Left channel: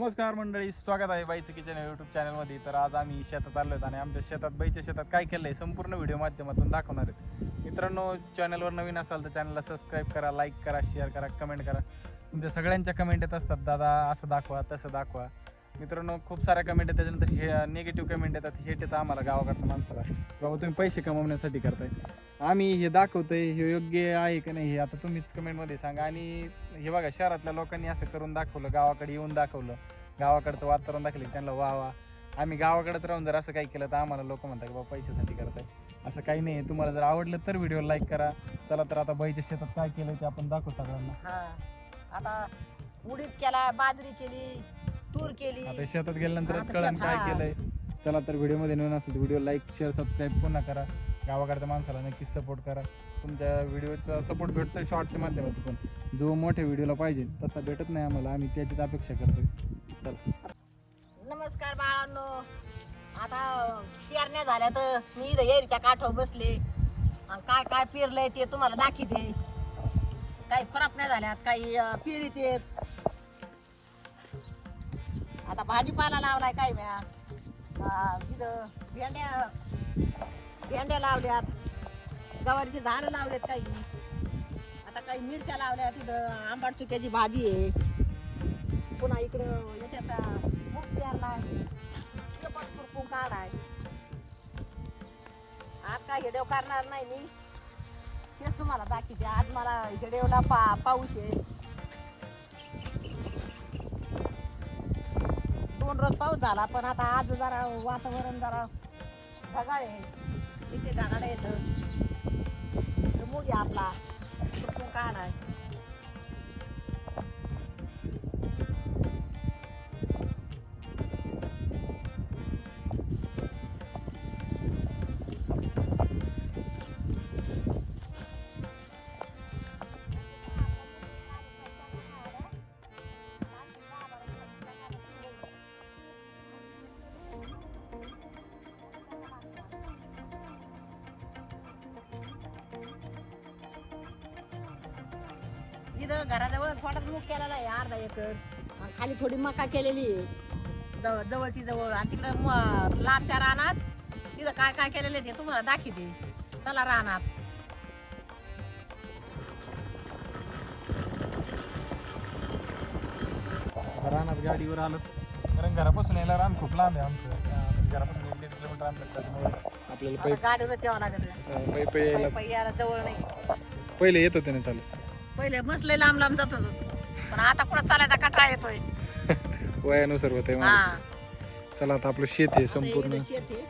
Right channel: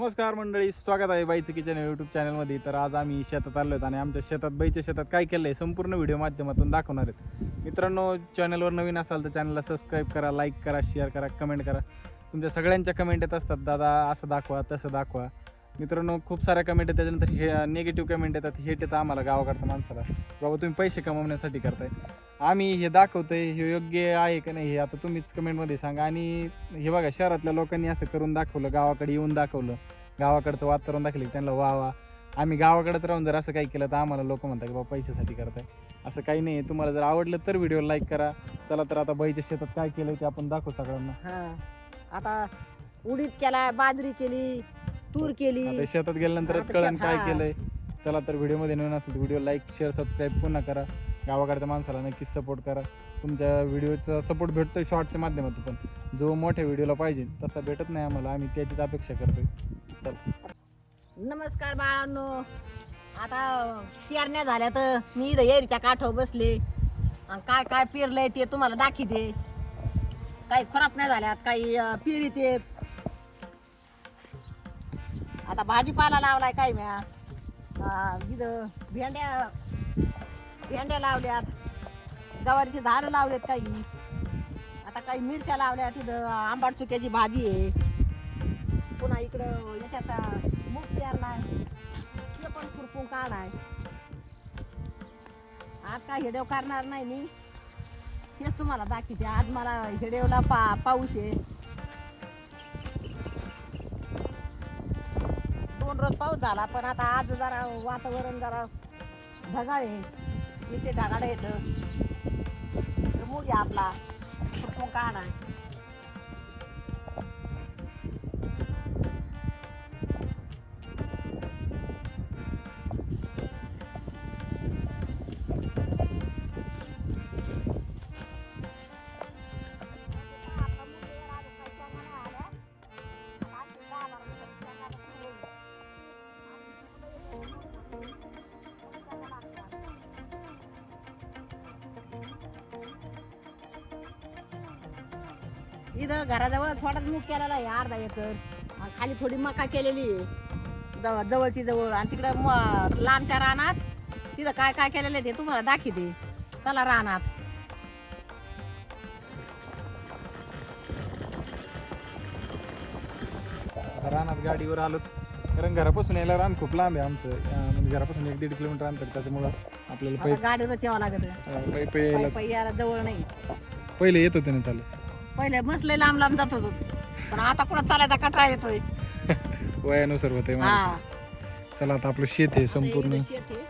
नमस्कार मंडळी स्वागत आहे बाईचं किचन युट्यूब चॅनलमध्ये तर आज आम्ही शेतात आलो आहेत आणि आमच्या शेतात बाईच्या शेतात काय केलं आहे संपूर्ण व्हिडिओ माध्यमातून दाखवणार आहेत. मित्रांनो चॅनलवर नवीन असाल तर चॅनलला सबस्क्राईब करा लाईक करा शेअर करा कमेंट करा. तुमच्या सगळ्यांच्या कमेंट येत असतात दादा असं दाखवा तसं दाखवा. मित्रांनो खूप साऱ्या कमेंट येतात त्याच्यानंतर हे निगेटिव्ह कमेंट येतात हेट येतं आम्हाला गावाकडच्या माणसाला. बाबा तुम्ही पैसे कमावण्यासाठी करताय. आम्ही हे दाखवतोय हे योग्य आहे का नाही हे आता तुम्हीच कमेंटमध्ये सांगा. आणि हे बघा शहरातल्या लोकांनी असं करून दाखवलं गावाकडे येऊन दाखवलं. गावाकडचं वातावरण दाखवलं त्यांना वा वा. आम्ही गावाकडेच राहून जर असं काही केलं तर आम्हाला लोक म्हणतात की बाबा पैशासाठी करताय. असं काही नाही. तुम्हाला जर आवडलं तर व्हिडिओ लाईक करा. चला तर आता बाईच्या शेतात काय केलं ते आपण दाखवू सगळ्यांना. हा. आता उडीद केला बाजरी केली तूर केली. आता शेतात गेल्यानंतरच आता कळण काय. केलंय. चला तर व्हिडिओमध्ये नवीन असेल व्हिडिओ लाईक शेअर सबस्क्राईब पुन्हा करा. गावाकडच्या माणसाला नक्कीच सपोर्ट करा. तुमच्या व्हिडिओचा सपोर्ट भेटतोय शॉर्टच्या माध्यमातून पण. जो मोठ्या व्हिडिओला पाहिजे तसा भेटत नाही आम्हाला. आम्ही त्याचीच अपेक्षा करतोय. चला. नमस्कार बाळांनो. आता पेरण्या झाल्या तर मी इथं एरीच्या काठावर बसले. आणि काय काय पेरलंय ते तुम्हाला दाखवते. काही खराब झाल्यात काही पेरीत येत आता भाजीपाला लावलाय काही म्या इथं भेंड्या भेंड्या लावल्यात. गवारीची झाडं लावलेत काही आता काही मिरच्या लावल्यात. तिथं आंबाड चुक्याची भाजी आहे. पुन्हा इकडं याच्यात मूग पेरलाय ते पण खुरपून आज काय हिडव करणार नाही मी. तेच तुम्हाला दाखवते. आज मला हिडवला पा पाऊस आहे. दोन रोज पाऊस झाला पण आता आज जरा वातावरण जरा ढगाळ आहे. इथे येतं. मूग आपला. खुरपून नाही? इथं घराजवळ थोडाच मीठ केलेला आहे अर्धा खाली थोडी मका केलेली. जवळ जवळची जवळ. आणि तिकडं म- लांबच्या रानात तिथं काय काय केलेलं आहे ते तुम्हाला दाखवते. चला रानात. रानात गाडीवर आलो. कारण घरापासून यायला रान खूप लांब आहे आमचं. म्हणजे घरापासून एक दीड किलोमीटर अंतर त्याच्यामुळं आपल्याला आता गाडीवरच यावं लागत. पै- पै- यायला जवळ नाही. पहिले येत होते ना चालू पहिले बसले लांब लांब जात होतो. पण आता कुठं चालायचा कटाळा येतोय. वयानुसार होते हा. चला आता आपलं शेत आहे संपूर्ण. शेत आहे.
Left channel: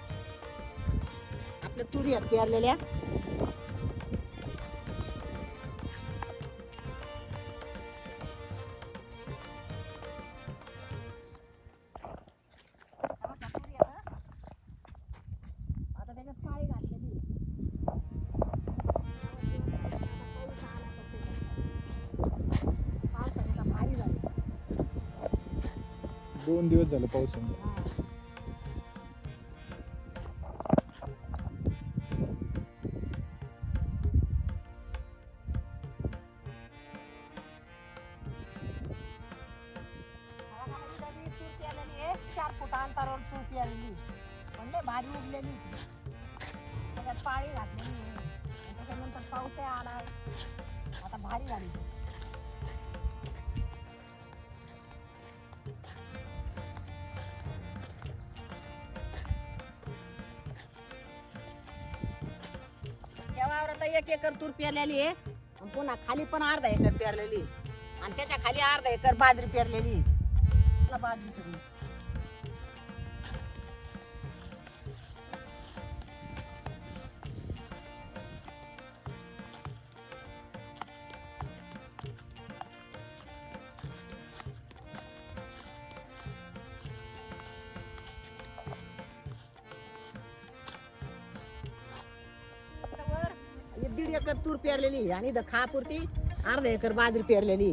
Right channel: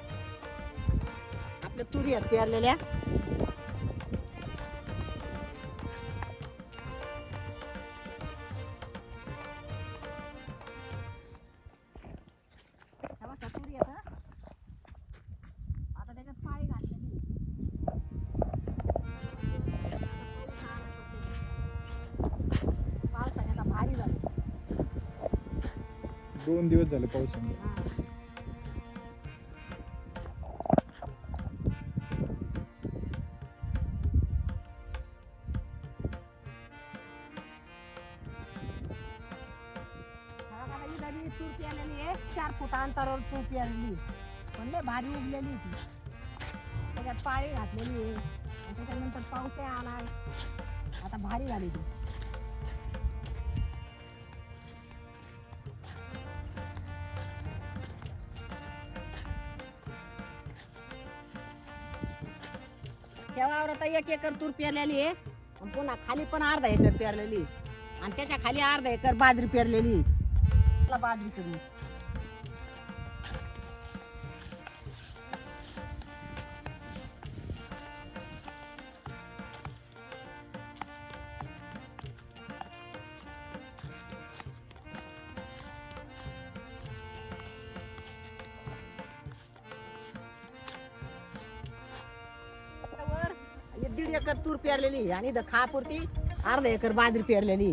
आपल्या तुरी आहेत पेरलेल्या दोन दिवस झाले पावसाने हा. आता चार फुट अंतरावर तुरती आलेली पण लय भारी उगलेली ती. त्याच्यात पाळी घातलेली आहे त्याच्यानंतर पावसाळा आलाय आता भारी झाली ती एक एकर तूर पेरलेली आहे. आणि पुन्हा खाली पण अर्धा एकर पेरलेली. आणि त्याच्याखाली अर्धा एकर बाजरी पेरलेली. बाजरी पेरली एकर तूर पेरलेली आणि द खापुरती अर्धा एकर बाजरी पेरलेली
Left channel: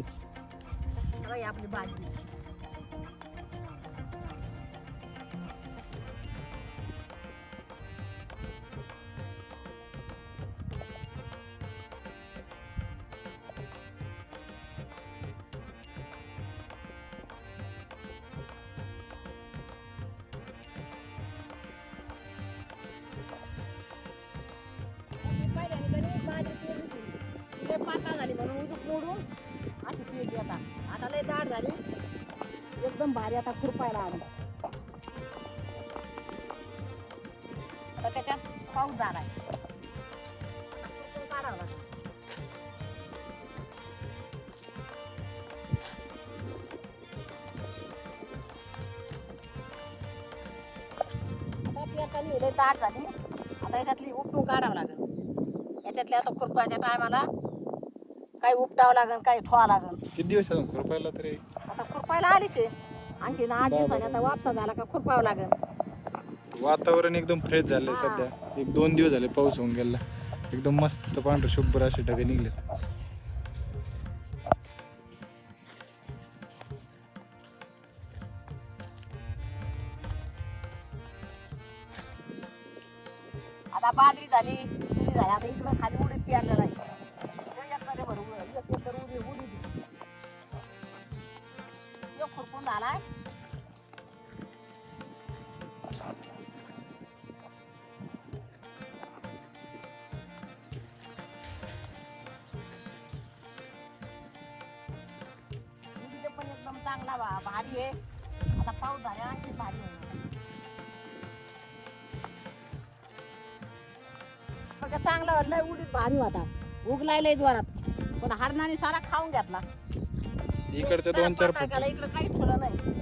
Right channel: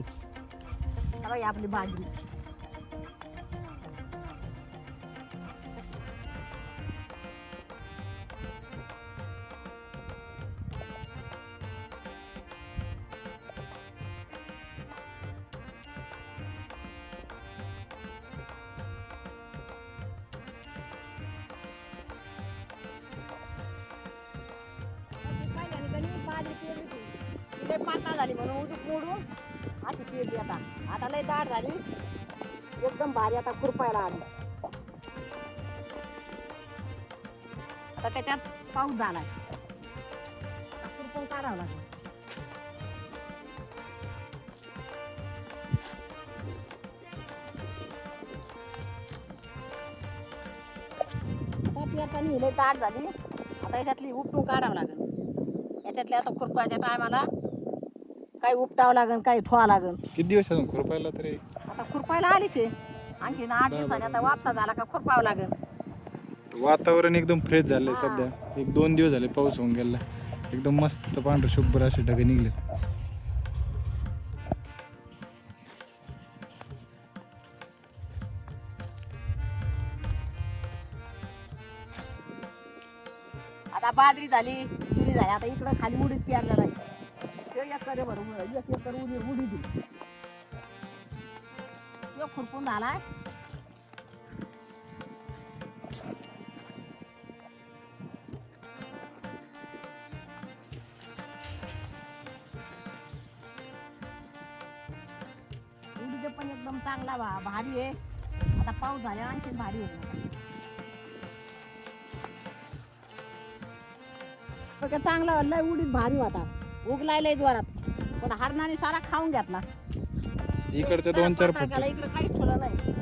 बघा ही आपली बाजरी. लय पातळ झाली म्हणून उजूक मोडून अशी पेरली आता. आता लय ताट झाली. एकदम भारी आता खुरपायला आला. तर त्याच्यात पाऊस झाला आता खुरपून काढावं झाली. आता याच्यातली उपटून काढावं लागेल. याच्यातल्या आता खुरपाच्या टायमाला काही उपटावं लागेल काही ठेवावं लागेल किती दिवस खुरपायला तरी? आता खुरपायला आलीच आहे. आणखीन आठ दिवसांनी आता वापसा झाला का खुरपावं लागेल वातावरण एकदम फ्रेश झालंय सध्या. एक दोन दिवस झाले पाऊस होऊन गेला. एकदम मस्त पांढरे शुभ्र असे ढगे निघलेत. आता बाजरी झाली तुरी झाली. आता इकडं खाली उडीद पेरणार आहे. खुरपून झालाय. उडीद पण एकदम चांगला भारी आहे. आता पाऊस झाला आणखी भारी आहे सगळं चांगला वाटलं. उडीद भारी होता. उगलाय लय जोरात. पण हरणाने सारा खाऊन घेतला. इकडच्या दोन चार फट इकडं ठेवलं नाही.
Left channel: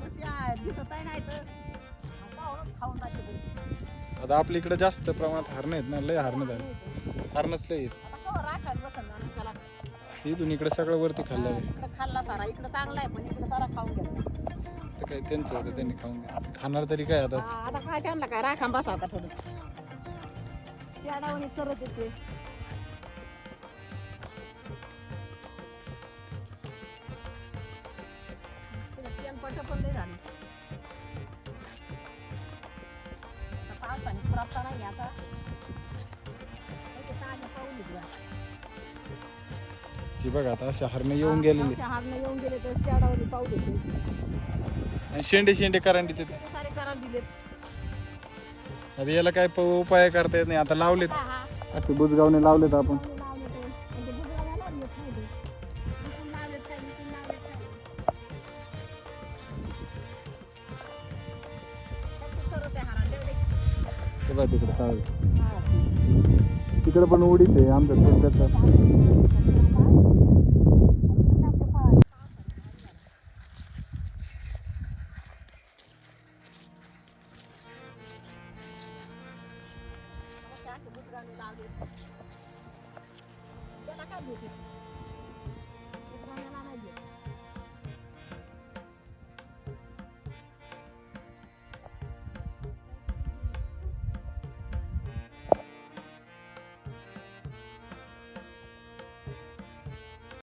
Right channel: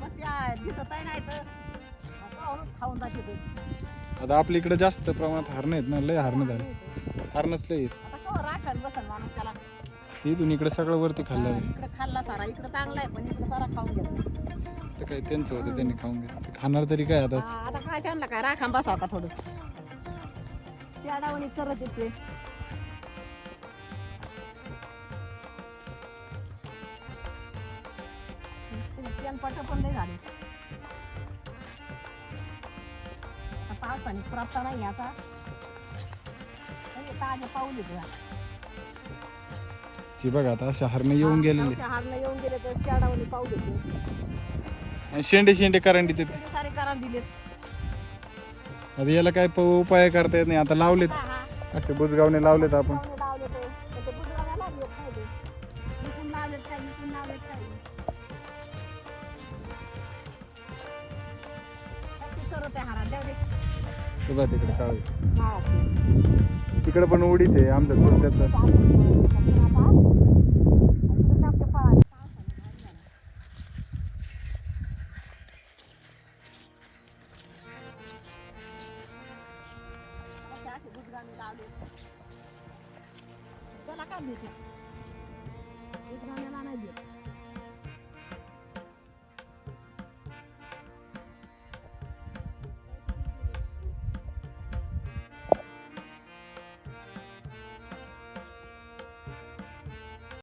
मग त्या दिसतही नाही तर खाऊन- जाते ते. आता आपल्या इकडे जास्त प्रमाणात हरणं आहेत ना लय हरणं झालं. हरणच लय राखण बसल माणूस त्याला. इथून इकडे सगळं वरती खाल्लं आहे. इकडं खाल्ला सारा इकडं चांगलं आहे पण इकडं सारा खाऊन घेतला. तर काय त्यांचं होतं त्यांनी खाऊन घेतलं. ते खाणार तरी काय आता? हा, आता काय त्यांना काय राखान बसा होता थोडं. याडावणी करत येते तेलपट्टं झालं. आता पावसाने नाही आता ताजे पाऊस येते ती बघा आता अशा हरणी येऊन गेलेले. येऊन गेले तर शेंडे शेंडे करंडी ते सारे करार दिले आता याला काय प- उपाय करता येत नाही आता लावलेत. असे बुजगावने लावलेत आपण. तिकडे. तिकडे पण उडीच आहे आमच्या थोडक्यात